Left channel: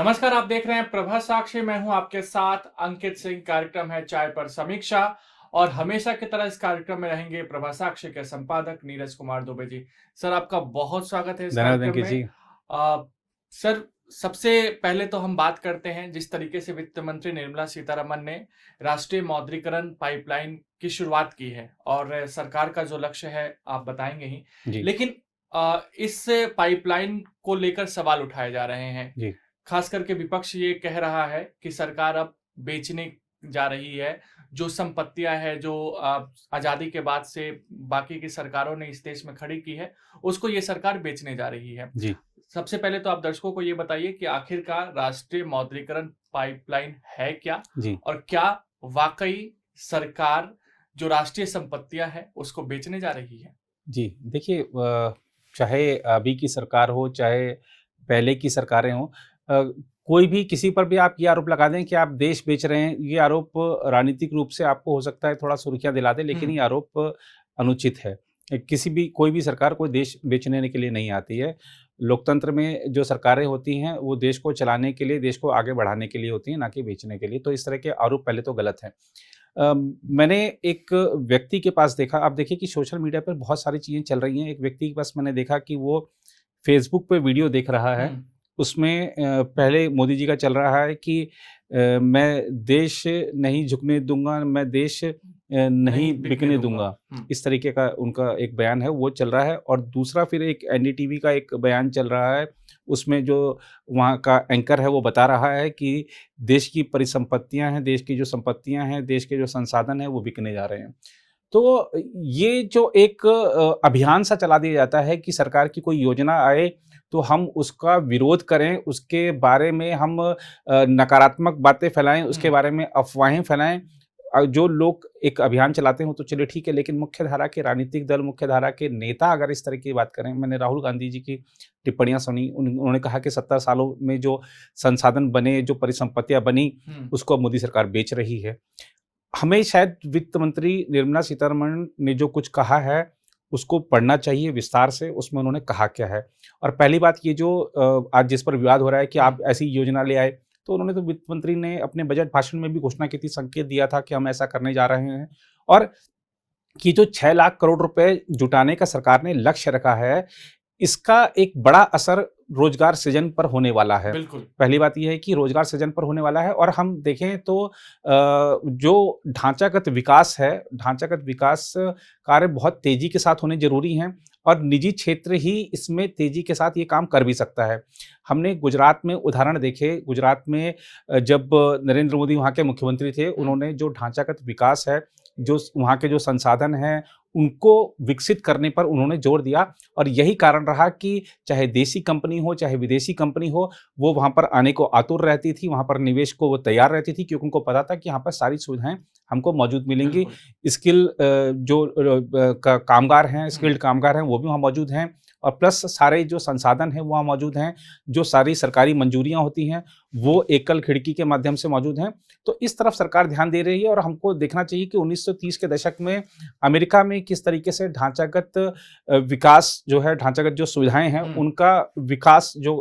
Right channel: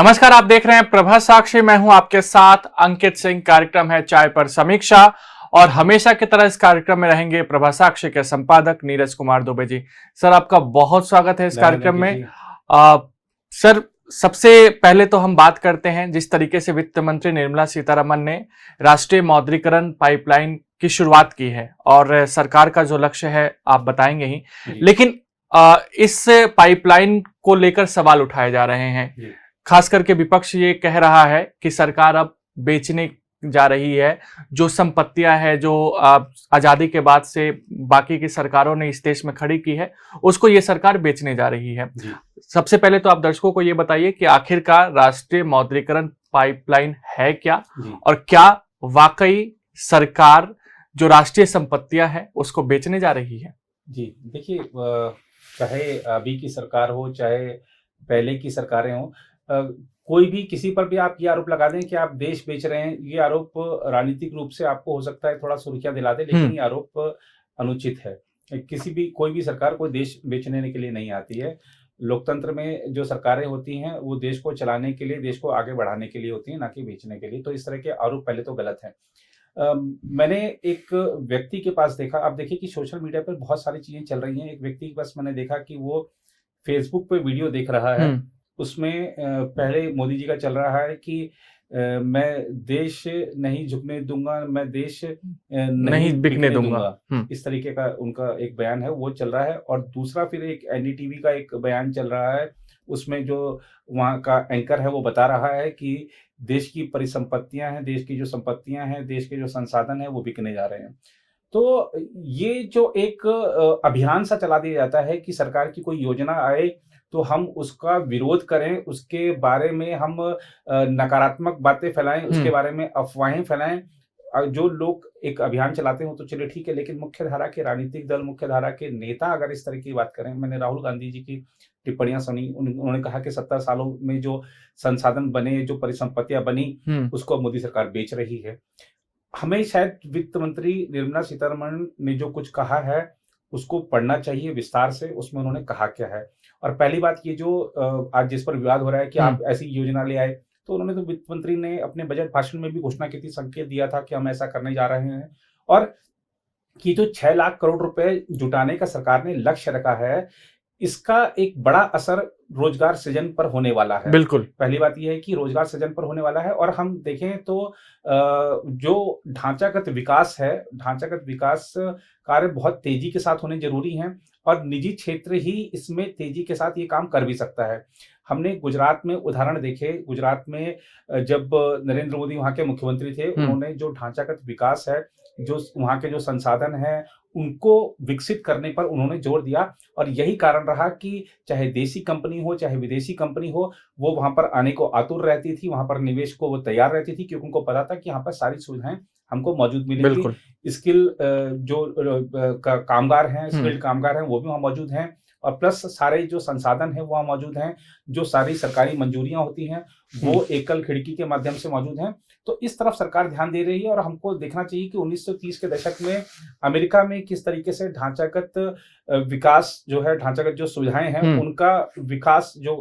नमस्कार, आप देख रहे हैं प्रभा साक्षी। मैं हूं आपके साथ अंकित सिंह। कार्यक्रम है चाय पर समीक्षा और हमेशा की तरह इस कार्यक्रम में रहेंगे प्रभा साक्षी के संपादक नीरज कुमार दुबे जी। सर, आपका बहुत स्वागत है इस धन्यवाद कार्यक्रम अंकित में। जी। सर, सबसे पहले तो हम बात करते हैं जिस तरीके से वित्त मंत्री निर्मला सीतारमन ने राष्ट्रीय मौद्रीकरण पाइपलाइन की शुरुआत की है और सरकार का जो लक्ष्य है आप बताएंगे ही, जी लेकिन इस पाइपलाइन को लेकर सवाल उठाए जा रहे हैं। जी खास करके विपक्ष ये कह रहा है कि सरकार अब बेचने जा रही है जो संपत्तियां हैं जो आजादी के बाद से बाकी की सरकारों ने इस देश में खड़ी की है, उसको ये सरकार बेचने जा रही है। जी सबसे पहले तो आप दर्शकों को ये बताइए कि आखिरकार राष्ट्रीय मौद्रीकरण पाइपलाइन है क्या, जी और क्या वाकई सरकार जो राष्ट्रीय संपत्तियां हैं उसको बेचने जा रही है। जी। देखिए, चाहे अभी की सरकार हो, चाहे पहले की सरकारें हों, कोई भी किसी पर भी आप ये आरोप लगा दें कि आप देश बेच रहे हैं, ये आरोप राजनीतिक रूप से आपको हो सकता है थोड़ा सुर्खियाँ दिला दे, लेकिन हम्म। ये आरोप अनुचित है। किसी भी कोई भी सरकार कोई देश बेचने के लिए नहीं आती है। लोकतंत्र में जो सरकारें होती हैं, वो देश को चलाने के लिए, देश को आगे बढ़ाने के लिए होती हैं, ना कि बेचने के लिए। तो इस तरह के आरोप पहले तो गलत हैं। मैंने एक व्यक्ति के पास देखा, आप देखिए कि सोशल मीडिया पर बहुत सारी चीज़ें चल रही हैं। एक व्यक्ति के पास मैंने देखा कि वो फेसबुक पे वीडियो देख रहा है। हम्म। उसमें पहले मोदी जी का चल रहा है कि मैं देश नहीं झुकने दूँगा, मैं देश नहीं नहीं बिकने बिकने दूंगा। दूँगा। हम्म। इस तरीके का उनका एक बयान है, वो चल रहा है। और दूसरा फिर एक एनडीटीवी का एक बयान चल रहा है। उसमें जो वहाँ का एंकर है, वो बता रहा है कि देश की परिसंपत्तियाँ हैं, देश की जो संपत्तियाँ हैं, देश के जो संसाधन हैं, वो बिकने जा रहे हैं। तो ये जो एक अभियान सा चला दिया जाता है कि सरकार की कोई योजना आए तो हम उसका विरोध करें, उसके बारे में हम नकारात्मक बातें फैलाएँ, उसके हम्म। बारे में अफ़वाहें फैलाएँ। जो लोग एक अभियान चलाते हो तो चलिए ठीक है, लेकिन मुख्यधारा के राजनीतिक दल, मुख्यधारा के नेता अगर इस तरह की बात करें, मैंने राहुल गांधी जी की टिप्पणियाँ सुनी। उन्होंने कहा कि 70 सालों में जो संसाधन बने, जो परिसंपत्तियाँ बनी, हम्म। उसको अब मोदी सरकार बेच रही है। हमें शायद वित्त मंत्री निर्मला सीतारमण ने जो कुछ कहा है, उसको पढ़ना चाहिए विस्तार से, उसमें उन्होंने कहा क्या है। और पहली बात ये जो आज जिस पर विवाद हो रहा है कि हम्म। आप ऐसी योजना ले आए, तो उन्होंने तो वित्त मंत्री ने अपने बजट भाषण में भी घोषणा की थी, संकेत दिया था कि हम ऐसा करने जा रहे हैं। और कि जो 6 लाख करोड़ रुपए जुटाने का सरकार ने लक्ष्य रखा है, इसका एक बड़ा असर रोज़गार सृजन पर होने वाला है। बिल्कुल। पहली बात ये है कि रोज़गार सृजन पर होने वाला है। और हम देखें तो जो ढांचागत विकास है, ढांचागत विकास कार्य बहुत तेज़ी के साथ होने ज़रूरी हैं, और निजी क्षेत्र ही इसमें तेज़ी के साथ ये काम कर भी सकता है। हमने गुजरात में उदाहरण देखे, गुजरात में जब नरेंद्र मोदी वहाँ के मुख्यमंत्री थे, हम्म। उन्होंने जो ढांचागत विकास है, जो वहाँ के जो संसाधन हैं, उनको विकसित करने पर उन्होंने ज़ोर दिया। और यही कारण रहा कि चाहे देसी कंपनी हो, चाहे विदेशी कंपनी हो, वो वहाँ पर आने को आतुर रहती थी, वहाँ पर निवेश को वो तैयार रहती थी, क्योंकि उनको पता था कि यहाँ पर सारी सुविधाएँ हमको मौजूद मिलेंगी। बिल्कुल। स्किल जो कामगार हैं, हम्म। स्किल्ड कामगार हैं, वो भी वहाँ मौजूद हैं। और प्लस सारे जो संसाधन हैं, वो वहाँ मौजूद हैं। जो सारी सरकारी मंजूरियाँ होती हैं, वो एकल खिड़की के माध्यम से मौजूद हैं। तो इस तरफ सरकार ध्यान दे रही है। और हमको देखना चाहिए कि 1930 के दशक में अमेरिका में किस तरीके से ढांचागत विकास जो है, ढांचागत जो सुविधाएँ हैं, हम्म। उनका विकास जो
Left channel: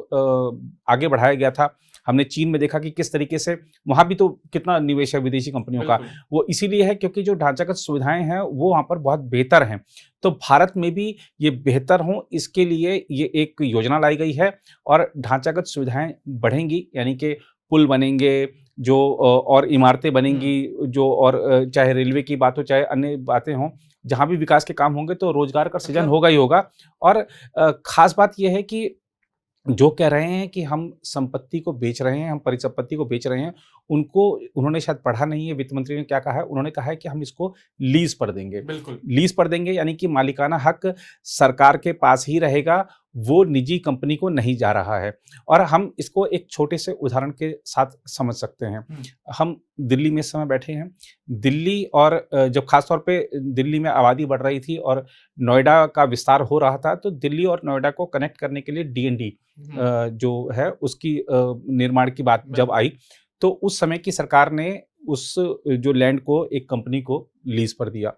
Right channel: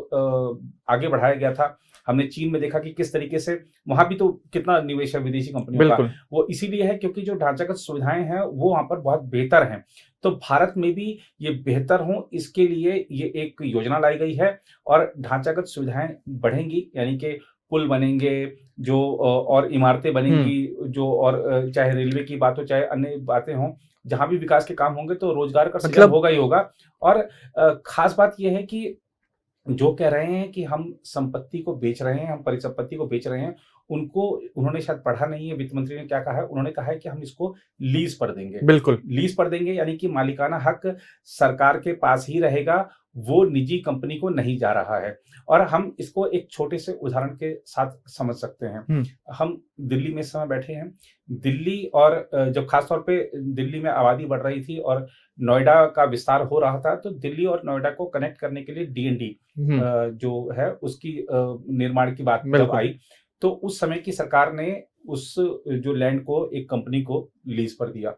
आगे बढ़ाया गया था। हमने चीन में देखा कि किस तरीके से वहाँ भी तो कितना निवेश है विदेशी कंपनियों का। बिल्कुल। वो इसीलिए है क्योंकि जो ढांचागत सुविधाएँ हैं, वो वहाँ पर बहुत बेहतर हैं। तो भारत में भी ये बेहतर हों, इसके लिए ये एक योजना लाई गई है। और ढांचागत सुविधाएँ बढ़ेंगी, यानी कि पुल बनेंगे, जो और इमारतें हम्म। बनेंगी, जो और चाहे रेलवे की बात हो, चाहे अन्य बातें हों, जहाँ भी विकास के काम होंगे तो रोज़गार का सृजन मतलब होगा ही होगा। और ख़ास बात ये है कि जो कह रहे हैं कि हम संपत्ति को बेच रहे हैं, हम परिसंपत्ति को बेच रहे हैं, उनको उन्होंने शायद पढ़ा नहीं है। वित्त मंत्री ने क्या कहा है, उन्होंने कहा है कि हम इसको लीज़ पर देंगे। बिल्कुल। लीज़ पर देंगे यानी कि मालिकाना हक सरकार के पास ही रहेगा, वो निजी कंपनी को नहीं जा रहा है। और हम इसको एक छोटे से उदाहरण के साथ समझ सकते हैं। हम्म। हम दिल्ली में इस समय बैठे हैं। दिल्ली और जब ख़ास तौर पे दिल्ली में आबादी बढ़ रही थी और नोएडा का विस्तार हो रहा था, तो दिल्ली और नोएडा को कनेक्ट करने के लिए डीएनडी हम्म। जो है उसकी निर्माण की बात जब बिल्कुल। आई, तो उस समय की सरकार ने उस जो लैंड को एक कंपनी को लीज़ पर दिया।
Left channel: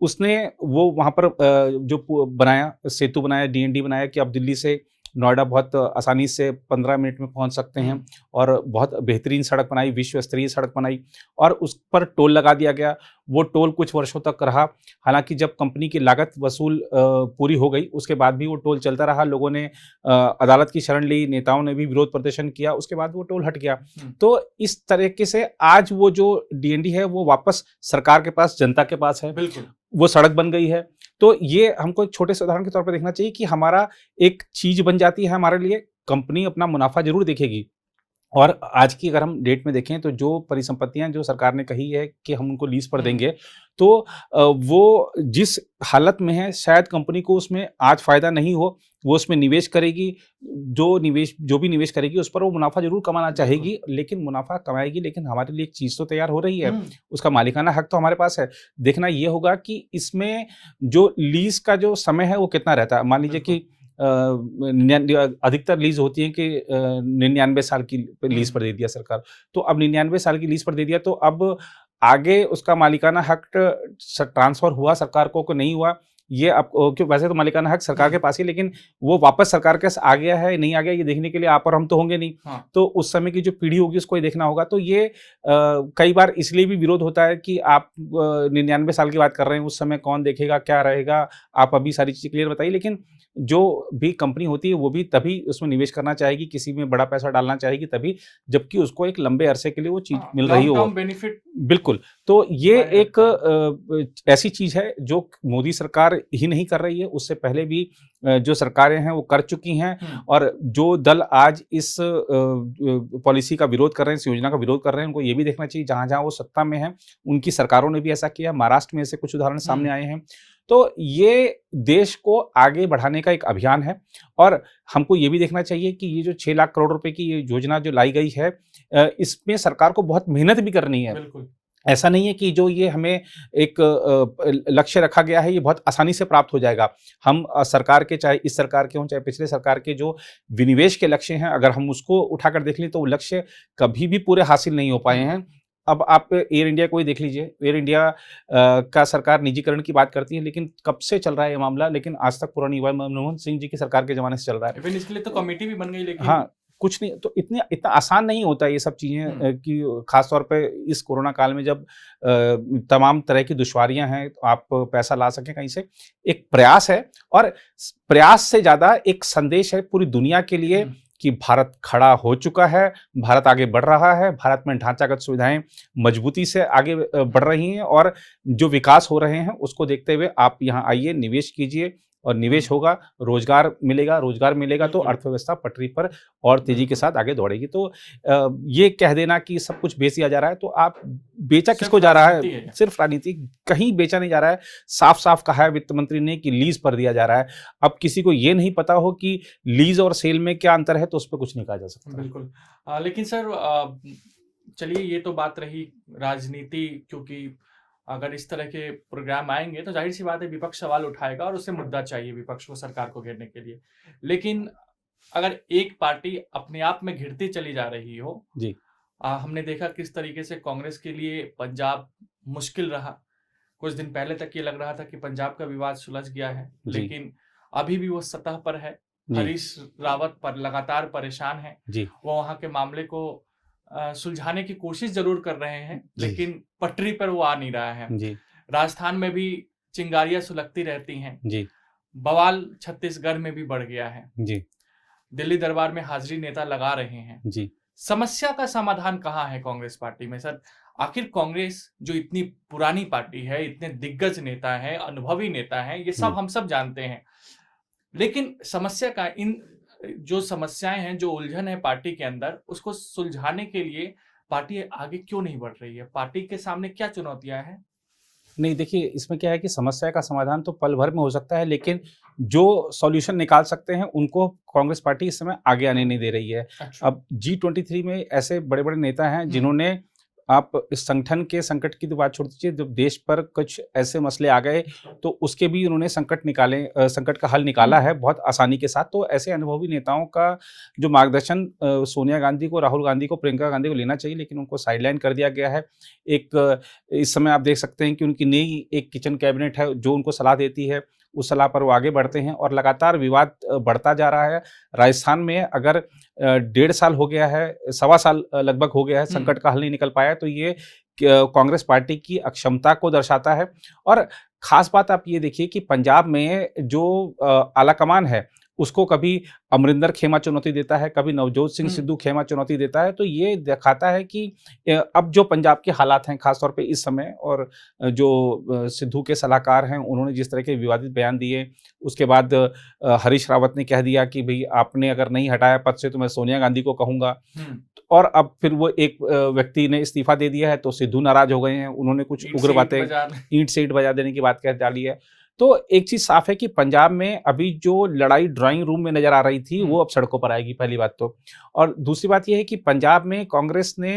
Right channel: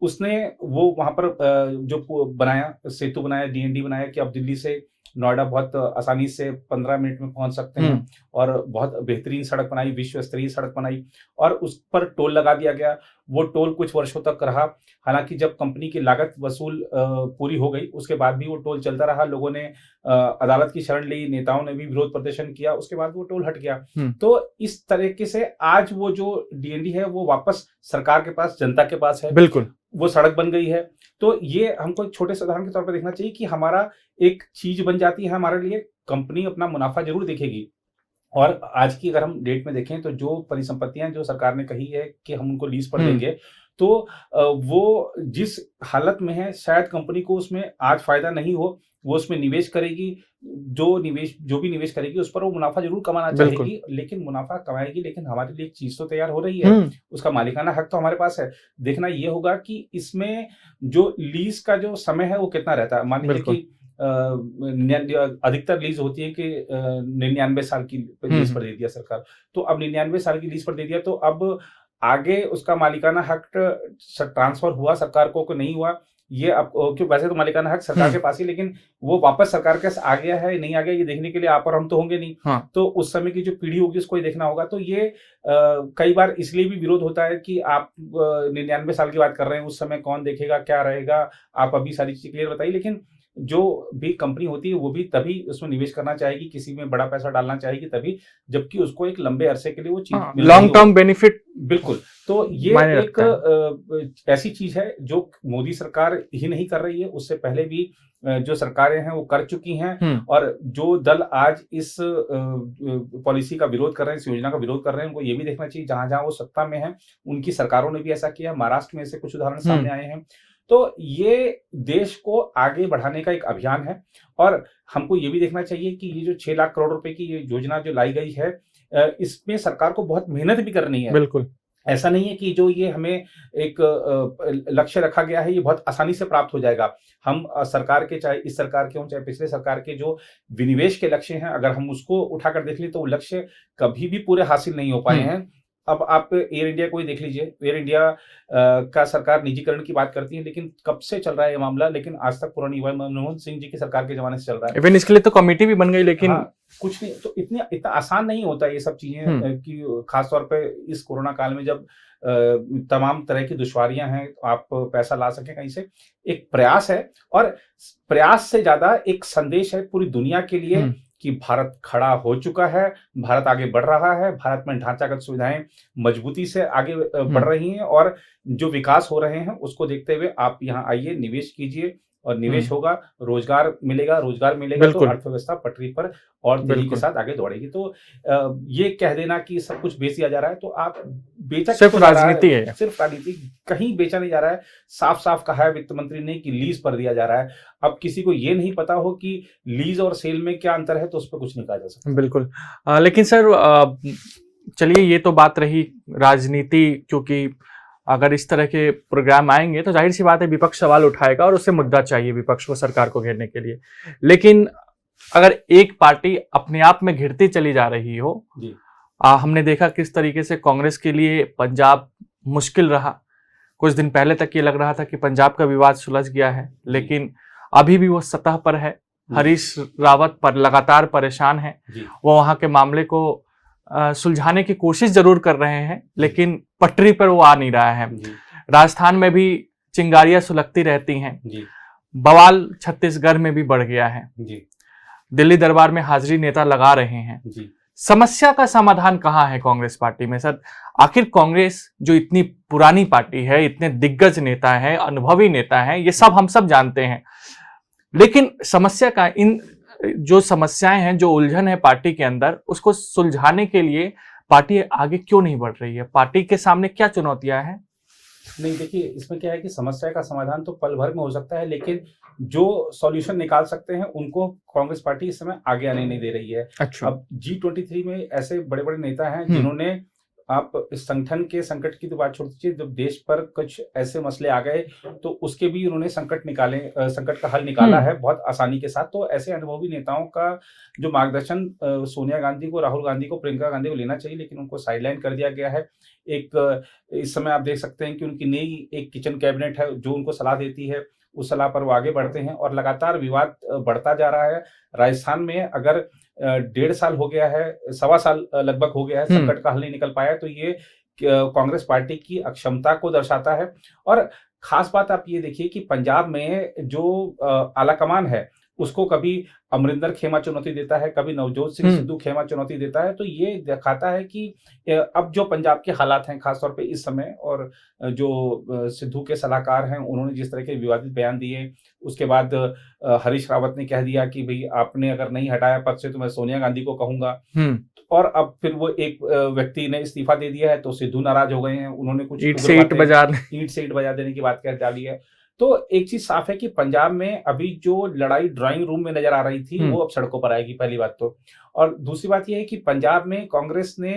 उसने वो वहाँ पर जो पु बनाया, सेतु बनाया, डीएनडी बनाया कि अब दिल्ली से नोएडा बहुत आसानी से 15 मिनट में पहुँच सकते हैं और बहुत बेहतरीन सड़क बनाई, विश्व स्तरीय सड़क बनाई और उस पर टोल लगा दिया गया। वो टोल कुछ वर्षों तक रहा, हालाँकि जब कंपनी की लागत वसूल पूरी हो गई, उसके बाद भी वो टोल चलता रहा। लोगों ने अदालत की शरण ली, नेताओं ने भी विरोध प्रदर्शन किया, उसके बाद वो टोल हट गया। तो इस तरीके से आज वो जो डीएनडी है, वो वापस सरकार के पास, जनता के पास है। बिल्कुल। वो सड़क बन गई है। तो ये हमको एक छोटे से उदाहरण के तौर पे देखना चाहिए कि हमारा एक चीज़ बन जाती है हमारे लिए, कंपनी अपना मुनाफ़ा ज़रूर देखेगी। और आज की अगर हम डेट में देखें तो जो परिसंपत्तियाँ जो सरकार ने कही है कि हम उनको लीज़ पर देंगे, तो वो जिस हालत में है शायद कंपनी को उसमें आज फ़ायदा नहीं हो, वो उसमें निवेश करेगी, जो भी निवेश करेगी उस पर वो मुनाफ़ा ज़रूर कमाना चाहेगी, लेकिन मुनाफ़ा कमाएगी, लेकिन हमारे लिए एक चीज़ तो तैयार हो रही है, उसका मालिकाना हक तो हमारे पास है। देखना ये होगा कि इसमें जो लीज़ का जो समय है वो कितना रहता है। मान लीजिए कि 99 अधिकतर लीज़ होती है कि 99 साल की लीज़ पर दे दिया सरकार। तो अब 99 साल की लीज़ पर दे दिया, तो अब आगे उसका मालिकाना हक ट्रांसफ़र हुआ सरकार को नहीं हुआ, ये अब क्यों, वैसे तो मालिकाना हक सरकार के पास ही, लेकिन वो वापस सरकार के पास आ गया है, नहीं आ गया, ये देखने के लिए आप और हम तो होंगे नहीं। हाँ। तो उस समय की जो पीढ़ी होगी उसको ये देखना होगा। तो ये कई बार इसलिए भी विरोध होता है कि आप 99 साल की बात कर रहे हैं, उस समय कौन देखेगा, क्या रहेगा? आप अभी सारी चीज़ें क्लियर बताइए, लेकिन जो भी कंपनी होती है वो भी तभी उसमें निवेश करना चाहेगी, किसी में बड़ा पैसा डालना चाहेगी तभी, जबकि उसको एक लंबे अरसे के लिए वो चीज़ मिल रही हो। Long term benefit. बिल्कुल। तो ये एक ऐसी चीज़ है जो मोदी सरकार ही नहीं कर रही है, उससे पहले भी जो सरकारें हैं वो कर चुकी हैं। और जो दल आज इस पॉलिसी का विरोध कर रहे हैं, इस योजना का विरोध कर रहे हैं, उनको ये भी देखना चाहिए जहाँ-जहाँ वो सत्ता में हैं, उनकी सरकारों ने भी ऐसा किया। महाराष्ट्र में ऐसे कुछ उदाहरण सामने आए हैं। तो ये देश को आगे बढ़ाने का एक अभियान है और हमको ये भी देखना चाहिए कि ये जो 6 लाख करोड़ रुपए की ये योजना जो लाई गई है, इसमें सरकार को बहुत मेहनत भी करनी है। बिल्कुल। ऐसा नहीं है कि जो ये हमें एक लक्ष्य रखा गया है, ये बहुत आसानी से प्राप्त हो जाएगा। हम सरकार के, चाहे इस सरकार के हों, चाहे पिछले सरकार के, जो विनिवेश के लक्ष्य हैं, अगर हम उसको उठाकर देख लें तो वो लक्ष्य कभी भी पूरे हासिल नहीं हो पाए हैं। अब आप एयर इंडिया को ही देख लीजिए। एयर इंडिया का सरकार निजीकरण की बात करती है, लेकिन कब से चल रहा है ये मामला, लेकिन आज तक पूरा नहीं हुआ। मनमोहन सिंह जी की सरकार के ज़माने से चल रहा है। इवन इसके लिए तो कमेटी भी बन गई, लेकिन हाँ, कुछ नहीं। तो इतना आसान नहीं होता ये सब चीज़ें, कि खास तौर पे इस कोरोना काल में जब तमाम तरह की दुश्वारियाँ हैं, तो आप पैसा ला सकें कहीं से। एक प्रयास है और प्रयास से ज़्यादा एक संदेश है पूरी दुनिया के लिए कि भारत खड़ा हो चुका है, भारत आगे बढ़ रहा है, भारत में ढांचागत सुविधाएं मजबूती से आगे बढ़ रही हैं और जो विकास हो रहे हैं उसको देखते हुए आप यहाँ आइए, निवेश कीजिए और निवेश होगा, रोजगार मिलेगा तो अर्थव्यवस्था पटरी पर और तेजी के साथ आगे दौड़ेगी। तो ये कह देना कि सब कुछ बेच दिया जा रहा है, तो आप बेचा किसको जा रहा है? सिर्फ राजनीति, कहीं बेचा नहीं जा रहा है। साफ-साफ कहा है वित्त मंत्री ने कि लीज पर दिया जा रहा है। अब किसी को ये नहीं पता हो कि लीज और सेल में क्या अंतर है, तो उस पर कुछ नहीं कहा जा सकता। बिल्कुल। लेकिन सर, चलिए ये तो बात रही राजनीति, क्योंकि अगर इस तरह के प्रोग्राम आएंगे तो जाहिर सी बात है विपक्ष सवाल उठाएगा और उससे मुद्दा चाहिए विपक्ष को सरकार को घेरने के लिए। लेकिन अगर एक पार्टी अपने आप में घिरती चली जा रही हो जी, हमने देखा किस तरीके से कांग्रेस के लिए पंजाब मुश्किल रहा। कुछ दिन पहले तक ये लग रहा था कि पंजाब का विवाद सुलझ गया है, लेकिन अभी भी वो सतह पर है। हरीश रावत पर लगातार परेशान है। वो वहां के मामले को सुलझाने की कोशिश जरूर कर रहे हैं, लेकिन पटरी पर वो आ नहीं रहा है। राजस्थान में भी चिंगारियां सुलगती रहती हैं। बवाल छत्तीसगढ़ में भी बढ़ गया है। दिल्ली दरबार में हाजिरी नेता लगा रहे हैं। समस्या का समाधान कहाँ है कांग्रेस पार्टी में सर? आखिर कांग्रेस जो इतनी पुरानी पार्टी है, इतने दिग्गज नेता है, अनुभवी नेता है, ये सब हम सब जानते हैं, लेकिन समस्या का, इन जो समस्याएं हैं, जो उलझन है पार्टी के अंदर, उसको सुलझाने के लिए पार्टी आगे क्यों नहीं बढ़ रही है? पार्टी के सामने क्या चुनौतियां हैं? नहीं, देखिए इसमें क्या है कि समस्या का समाधान तो पल भर में हो सकता है, लेकिन जो सॉल्यूशन निकाल सकते हैं उनको कांग्रेस पार्टी इस समय आगे आने नहीं दे रही है। अच्छा। अब G23 में ऐसे बड़े बड़े नेता हैं जिन्होंने, आप इस संगठन के संकट की तो बात छोड़ दीजिए, जब देश पर कुछ ऐसे मसले आ गए तो उसके भी उन्होंने संकट का हल निकाला है बहुत आसानी के साथ। तो ऐसे अनुभवी नेताओं का जो मार्गदर्शन सोनिया गांधी को, राहुल गांधी को, प्रियंका गांधी को लेना चाहिए, लेकिन उनको साइडलाइन कर दिया गया है। एक इस समय आप देख सकते हैं कि उनकी नई एक किचन कैबिनेट है जो उनको सलाह देती है, उस सलाह पर वो आगे बढ़ते हैं और लगातार विवाद बढ़ता जा रहा है। राजस्थान में अगर 1.5 साल हो गया है, सवा साल लगभग हो गया है, संकट का हल नहीं निकल पाया, तो ये कांग्रेस पार्टी की अक्षमता को दर्शाता है। और खास बात आप ये देखिए कि पंजाब में जो आलाकमान है, उसको कभी अमरिंदर खेमा चुनौती देता है, कभी नवजोत सिंह सिद्धू खेमा चुनौती देता है। तो ये दिखाता है कि अब जो पंजाब के हालात हैं खास तौर पे इस समय, और जो सिद्धू के सलाहकार हैं उन्होंने जिस तरह के विवादित बयान दिए, उसके बाद हरीश रावत ने कह दिया कि भई आपने अगर नहीं हटाया पद से तो मैं सोनिया गांधी को कहूँगा। और अब फिर वो एक व्यक्ति ने इस्तीफा दे दिया है, तो सिद्धू नाराज हो गए हैं, उन्होंने कुछ ईंट उग्र से ईंट बातें, बजा ईंट से ईंट बजा देने की बात कह डाली है। तो एक चीज़ साफ है कि पंजाब में अभी जो लड़ाई ड्राइंग रूम में नज़र आ रही थी, वो अब सड़कों पर आएगी, पहली बात तो। और दूसरी बात ये है कि पंजाब में कांग्रेस ने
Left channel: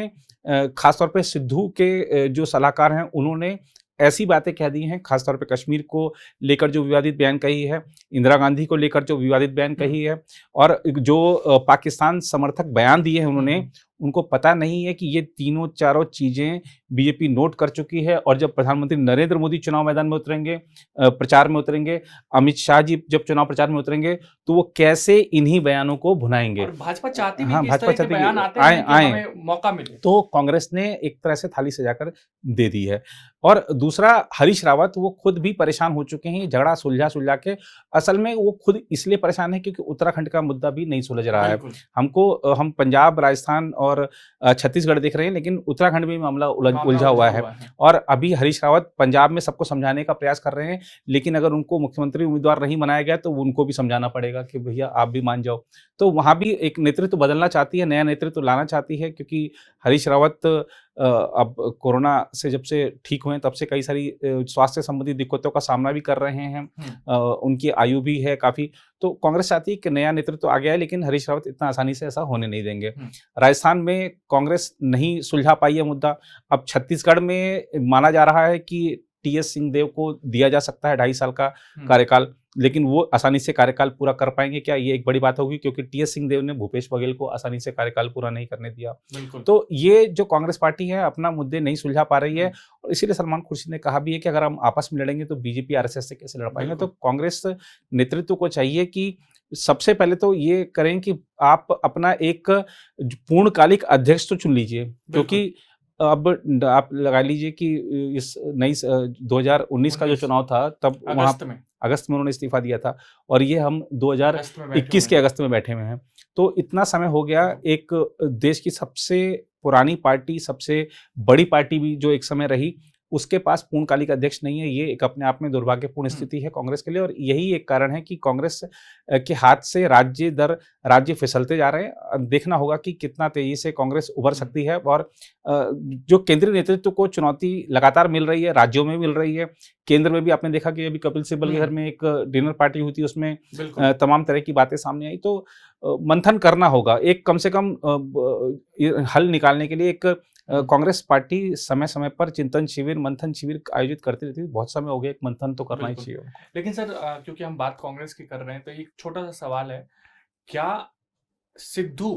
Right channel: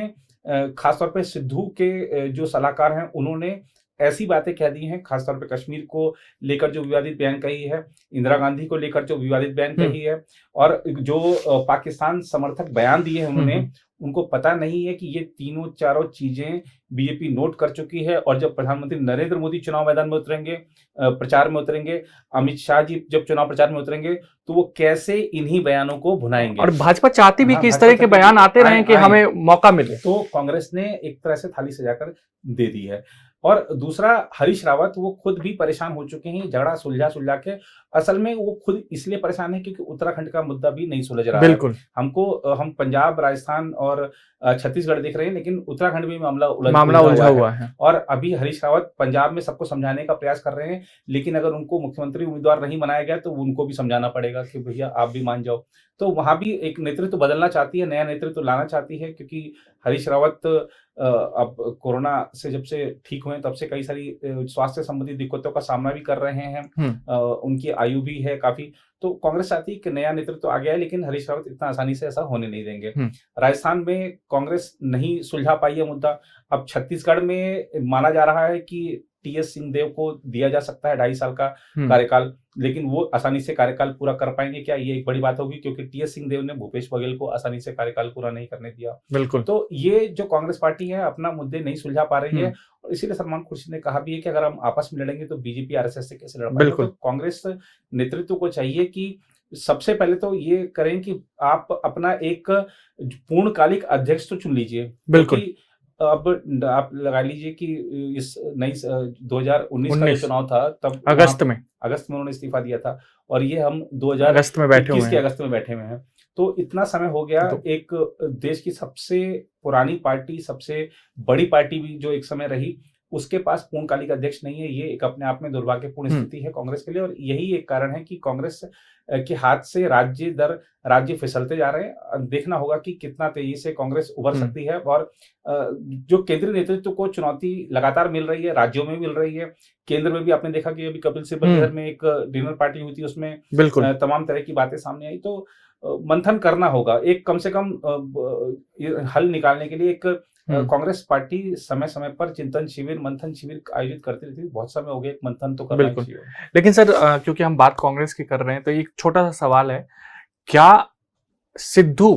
खास तौर पे सिद्धू के जो सलाहकार हैं, उन्होंने ऐसी बातें कह दी हैं, खास तौर पे कश्मीर को लेकर जो विवादित बयान कही है, इंदिरा गांधी को लेकर जो विवादित बयान कही है, और जो पाकिस्तान समर्थक बयान दिए हैं उन्होंने, उनको पता नहीं है कि ये तीनों चारों चीज़ें बीजेपी नोट कर चुकी है। और जब प्रधानमंत्री नरेंद्र मोदी चुनाव मैदान में उतरेंगे, प्रचार में उतरेंगे, अमित शाह जी जब चुनाव प्रचार में उतरेंगे, तो वो कैसे इन्हीं बयानों को भुनाएंगे। और भाजपा चाहती भी हाँ, कि इस भाजपा तरह के चाहती बयान है आते रहें कि आए। हमें मौका मिले। तो कांग्रेस ने एक तरह से थाली सजाकर दे दी है। और दूसरा, हरीश रावत वो खुद भी परेशान हो चुके हैं, झगड़ा सुलझा के। असल में वो खुद इसलिए परेशान है क्योंकि उत्तराखंड का मुद्दा भी नहीं सुलझ रहा है। बिल्कुल। हम पंजाब, राजस्थान और छत्तीसगढ़ देख रहे हैं, लेकिन उत्तराखंड में मामला उलझा उलझा हुआ हुआ है। है। और अभी हरीश रावत पंजाब में सबको समझाने का प्रयास कर रहे हैं, लेकिन अगर उनको मुख्यमंत्री उम्मीदवार नहीं बनाया गया, तो उनको भी समझाना पड़ेगा कि भैया आप भी मान जाओ। तो वहाँ भी एक नेतृत्व बदलना चाहती है, नया नेतृत्व लाना चाहती है, क्योंकि हरीश रावत अब कोरोना से जब से ठीक हुए हैं, तब से कई सारी स्वास्थ्य संबंधी दिक्कतों का सामना भी कर रहे हैं। उनकी आयु भी है काफ़ी। तो कांग्रेस चाहती है कि नया नेतृत्व आ गया है, लेकिन हरीश रावत इतना आसानी से ऐसा होने नहीं देंगे। राजस्थान में कांग्रेस नहीं सुलझा पाई है मुद्दा। अब छत्तीसगढ़ में माना जा रहा है कि टीएस सिंहदेव को दिया जा सकता है 2.5 साल का कार्यकाल, लेकिन वो आसानी से कार्यकाल पूरा कर पाएंगे क्या, ये एक बड़ी बात होगी, क्योंकि टीएस सिंहदेव ने भूपेश बघेल को आसानी से कार्यकाल पूरा नहीं करने दिया। बिल्कुल। तो ये जो कांग्रेस पार्टी है अपना मुद्दे नहीं सुलझा पा रही है, और इसीलिए सलमान खुर्शीद ने कहा भी है कि अगर हम आपस में लड़ेंगे तो बीजेपी आरएसएस से कैसे लड़ पाएंगे। तो कांग्रेस नेतृत्व को चाहिए कि सबसे पहले तो ये करें कि आप अपना एक पूर्णकालिक अध्यक्ष तो चुन लीजिए, क्योंकि अब आप लगा लीजिए कि इस नई 2019 का जो चुनाव था, तब अगस्त में उन्होंने इस्तीफा दिया था, और ये हम 2021 के अगस्त में बैठे हुए हैं। तो इतना समय हो गया। एक देश की सबसे पुरानी पार्टी, सबसे बड़ी पार्टी भी जो एक समय रही, उसके पास पूर्णकालिक अध्यक्ष नहीं है। ये एक अपने आप में दुर्भाग्यपूर्ण स्थिति है कांग्रेस के लिए, और यही एक कारण है कि कांग्रेस के हाथ से राज्य दर राज्य फिसलते जा रहे हैं। देखना होगा कि कितना तेजी से कांग्रेस उभर सकती है। और जो केंद्रीय नेतृत्व को चुनौती लगातार मिल रही है, राज्यों में मिल रही है, केंद्र में भी आपने देखा कि अभी कपिल सिब्बल के घर में एक डिनर पार्टी हुई थी, उसमें तमाम तरह की बातें सामने आई। तो मंथन करना होगा, एक कम से कम हल निकालने के लिए। एक कांग्रेस पार्टी समय समय पर चिंतन शिविर, मंथन शिविर आयोजित करती रहती है। बहुत समय हो गया, एक मंथन तो करना चाहिए। लेकिन सर, क्योंकि हम बात कांग्रेस की कर रहे हैं, तो एक छोटा सा सवाल है, क्या सिद्धू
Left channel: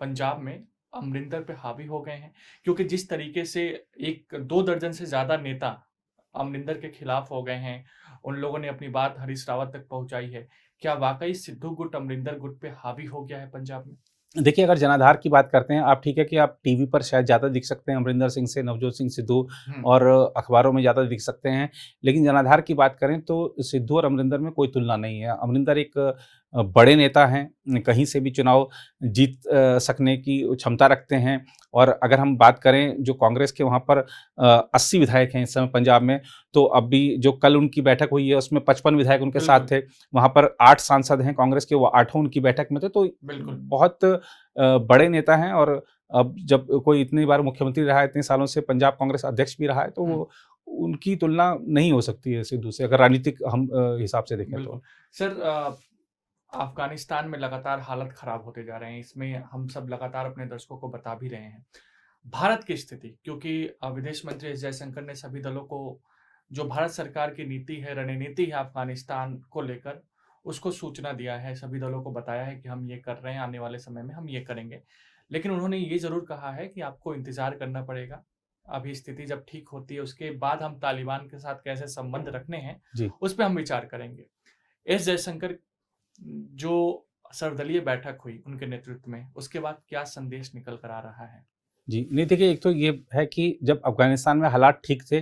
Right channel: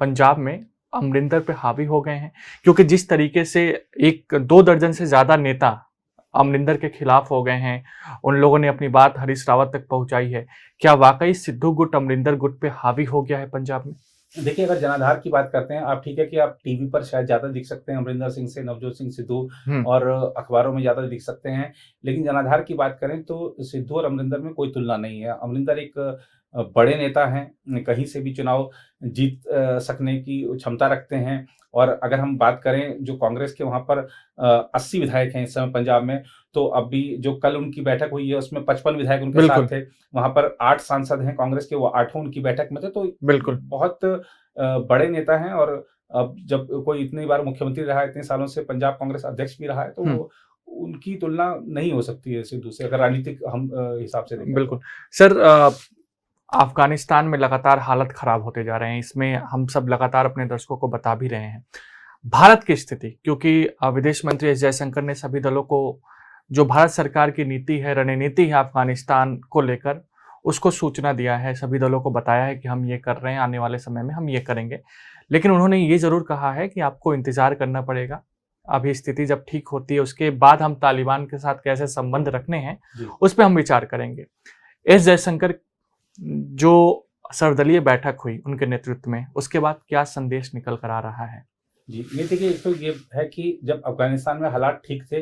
पंजाब में अमरिंदर पे हावी हो गए हैं? क्योंकि जिस तरीके से 1-2 दर्जन से ज्यादा नेता अमरिंदर के खिलाफ हो गए हैं, उन लोगों ने अपनी बात हरीश रावत तक पहुंचाई है, क्या वाकई सिद्धू गुट अमरिंदर गुट पे हावी हो गया है पंजाब में? देखिए, अगर जनाधार की बात करते हैं आप, ठीक है कि आप टीवी पर शायद ज़्यादा दिख सकते हैं अमरिंदर सिंह से, नवजोत सिंह सिद्धू, और अखबारों में ज़्यादा दिख सकते हैं, लेकिन जनाधार की बात करें तो सिद्धू और अमरिंदर में कोई तुलना नहीं है। अमरिंदर एक बड़े नेता हैं, कहीं से भी चुनाव जीत सकने की क्षमता रखते हैं। और अगर हम बात करें जो कांग्रेस के वहाँ पर 80 विधायक हैं इस समय पंजाब में, तो अभी जो कल उनकी बैठक हुई है उसमें 55 विधायक उनके साथ थे। वहाँ पर 8 सांसद हैं कांग्रेस के, वो 8 उनकी बैठक में थे। तो बिल्कुल बहुत बड़े नेता हैं। और अब जब कोई इतनी बार मुख्यमंत्री रहा है, इतने सालों से पंजाब कांग्रेस अध्यक्ष भी रहा है, तो उनकी तुलना नहीं हो सकती है सिद्धू से, अगर राजनीतिक हम हिसाब से देखें। बिल्कुल सर, अफगानिस्तान में लगातार हालत खराब होते जा रहे हैं, इसमें हम सब लगातार अपने दर्शकों को बता भी रहे हैं। भारत की स्थिति, क्योंकि विदेश मंत्री एस जयशंकर ने सभी दलों को, जो भारत सरकार की नीति है, रणनीति है अफगानिस्तान को लेकर, उसको सूचना दिया है, सभी दलों को बताया है कि हम ये कर रहे हैं, आने वाले समय में हम ये करेंगे। लेकिन उन्होंने ये जरूर कहा है कि आपको इंतजार करना पड़ेगा, अभी स्थिति जब ठीक होती है उसके बाद हम तालिबान के साथ कैसे संबंध रखने हैं जी। उस पर हम विचार करेंगे। एस जयशंकर जो सर्वदलीय बैठक हुई उनके नेतृत्व में, उसके बाद क्या संदेश निकल कर आ रहा है? जी, नहीं देखिए, एक तो ये है कि जब अफ़गानिस्तान में हालात ठीक थे,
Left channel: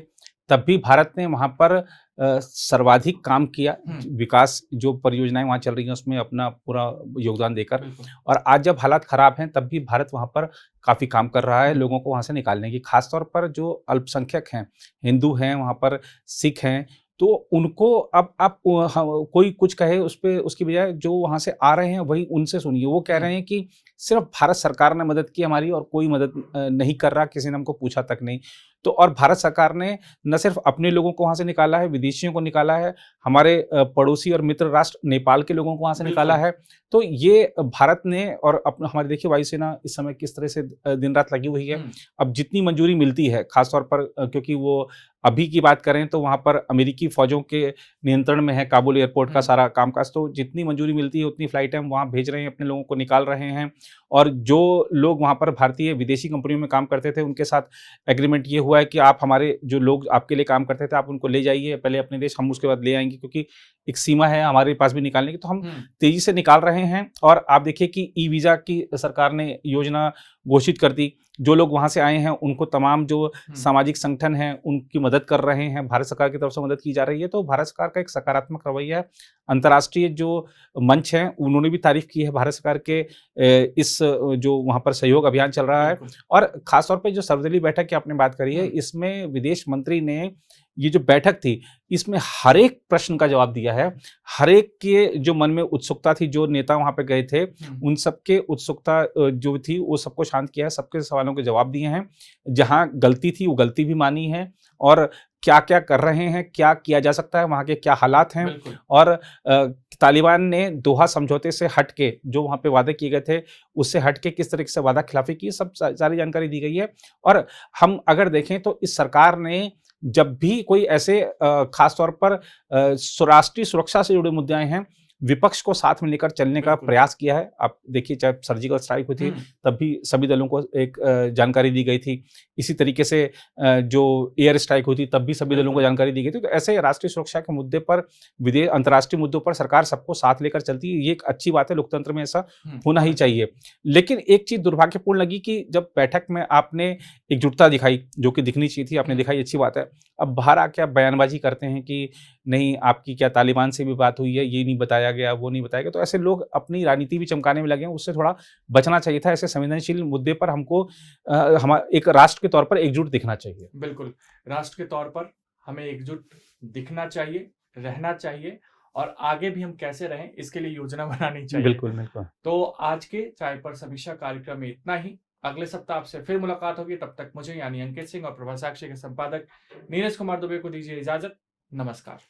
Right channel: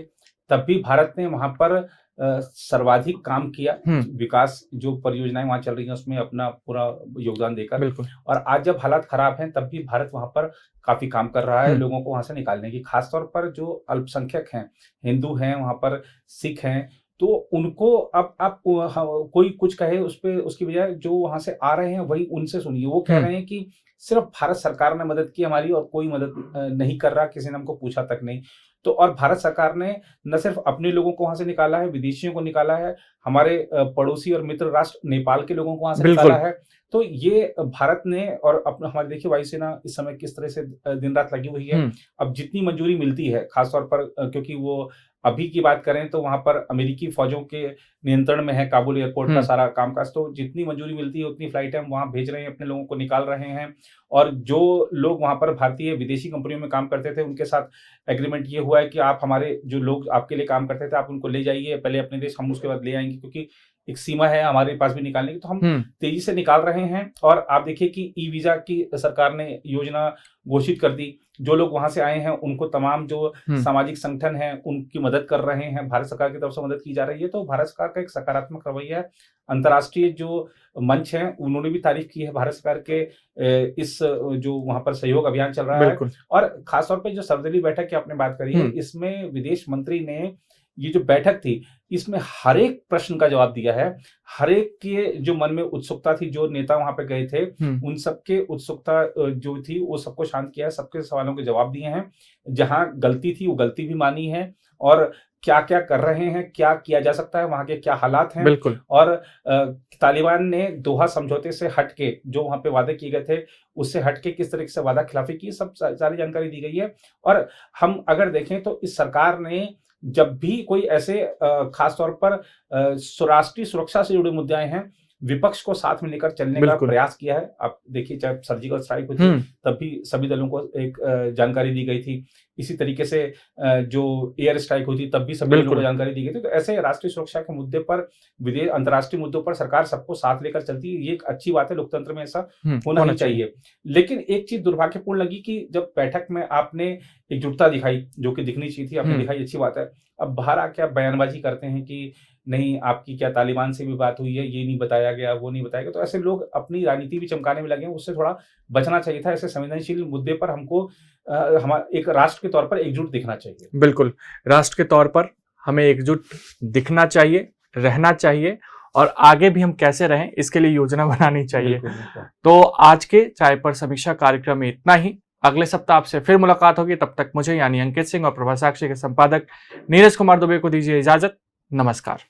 तब भी भारत ने वहाँ पर सर्वाधिक काम किया। विकास जो परियोजनाएँ वहाँ चल रही हैं, उसमें अपना पूरा योगदान देकर। बिल्कुल। और आज जब हालात खराब हैं, तब भी भारत वहाँ पर काफ़ी काम कर रहा है लोगों को वहाँ से निकालने की। ख़ास तौर पर जो अल्पसंख्यक हैं, हिंदू हैं, वहाँ पर सिख हैं, तो उनको अब आप कोई कुछ कहे उस पे, उसकी बजाय जो वहाँ से आ रहे हैं, वही उनसे सुनिए। वो कह रहे हैं कि सिर्फ़ भारत सरकार ने मदद की हमारी, और कोई मदद नहीं कर रहा, किसी ने हमको पूछा तक नहीं। तो और भारत सरकार ने न सिर्फ़ अपने लोगों को वहाँ से निकाला है, विदेशियों को निकाला है, हमारे पड़ोसी और मित्र राष्ट्र नेपाल के लोगों को वहाँ से निकाला है। तो ये भारत ने, और अपना हमारी देखिए वायुसेना इस समय किस तरह से दिन-रात लगी हुई है। अब जितनी मंजूरी मिलती है, ख़ास तौर पर क्योंकि वो अभी की बात करें तो वहाँ पर अमेरिकी फ़ौजों के नियंत्रण में है काबुल एयरपोर्ट का सारा कामकाज, तो जितनी मंजूरी मिलती है उतनी फ्लाइटें हम वहाँ भेज रहे हैं, अपने लोगों को निकाल रहे हैं। और जो लोग वहाँ पर भारतीय विदेशी कंपनियों में काम करते थे, उनके साथ एग्रीमेंट ये हुआ है कि आप हमारे जो लोग आपके लिए काम करते थे, आप उनको ले जाइए पहले अपने देश, हम उसके बाद ले आएँगे, क्योंकि एक सीमा है हमारे पास भी निकालने की। तो हम तेज़ी से निकाल रहे हैं। और आप देखिए कि ई-वीज़ा की सरकार ने योजना घोषित कर दी। जो लोग वहाँ से आए हैं, उनको तमाम जो सामाजिक संगठन हैं, उनकी मदद कर रहे हैं। भारत सरकार की तरफ से मदद की जा रही है। तो भारत सरकार का एक सकारात्मक रवैया है। अंतर्राष्ट्रीय जो मंच हैं, उन्होंने भी तारीफ़ की है भारत सरकार के इस जो वहाँ पर सहयोग अभियान चल रहा है। और ख़ास तौर पे जो सर्वदलीय बैठक की आपने बात करी है, इसमें विदेश मंत्री ने ये जो बैठक थी, इसमें हर एक प्रश्न का जवाब दिया है। हर एक के जो मन में उत्सुकता थी, जो नेता वहाँ पे गए थे, उन सबके उत्सुकता जो थी, वो सबको शांत किया है, सबके सवालों के जवाब दिए हैं। जहाँ गलती थी, वो गलती भी मानी है, और क्या-क्या कर रहे हैं, क्या किया जा सकता है, वहाँ के क्या हालात हैं। और तालिबान ने दोहा समझौते से हट के, जो वहाँ पे वादे किए गए थे, उससे हट के किस तरीके से वादा खिलाफी की, सब सारी जानकारी दी गई है। और हम अगर देखें तो इस सरकार ने जब भी कोई ऐसे ख़ास तौर पर राष्ट्रीय सुरक्षा से जुड़े मुद्दे आए हैं, विपक्ष को साथ में लेकर चलने का प्रयास किया है। आप देखिए, चाहे सर्जिकल स्ट्राइक हुई थी, तब भी सभी दलों को एक जानकारी दी गई थी। इसी तरीके से जो एयर स्ट्राइक हुई थी, तब भी सभी दलों को जानकारी दी गई थी। तो ऐसे राष्ट्रीय सुरक्षा के मुद्दे पर, अंतर्राष्ट्रीय मुद्दों पर सरकार सबको साथ लेकर चलती है। ये एक अच्छी बात है, लोकतंत्र में ऐसा होना ही चाहिए। लेकिन एक चीज़ दुर्भाग्यपूर्ण लगी कि जब बैठक में आपने एकजुटता दिखाई, जो कि दिखनी चाहिए थी, आपने दिखाई, अच्छी बात है। अब बाहर आके आप बयानबाजी करते हैं कि नहीं, आपकी क्या तालिबान से भी बात हुई है, ये नहीं बताया गया, वो नहीं बताया गया। तो ऐसे लोग अपनी राजनीति भी चमकाने में लगे हैं, उससे थोड़ा बचना चाहिए था। ऐसे संवेदनशील मुद्दे पर हमको एक राष्ट्र के तौर पर एकजुट दिखना चाहिए। बिल्कुल, राष्ट्र के तौर पर हमें एकजुट दिखना चाहिए, रहना चाहिए, और आगे भी हम कैसे रहें, इसके लिए योजना बनानी चाहिए। बिल्कुल, बिल्कुल। तो आज के चाय पर समीक्षा कार्यक्रम में इतना ही। अगले सप्ताह आपसे फिर मुलाकात होगी। तब तक मुझे यानी अंकित सिंह और प्रभा साक्षी के संपादक नीरज कुमार दुबे को दीजिए इजाजत। नमस्कार।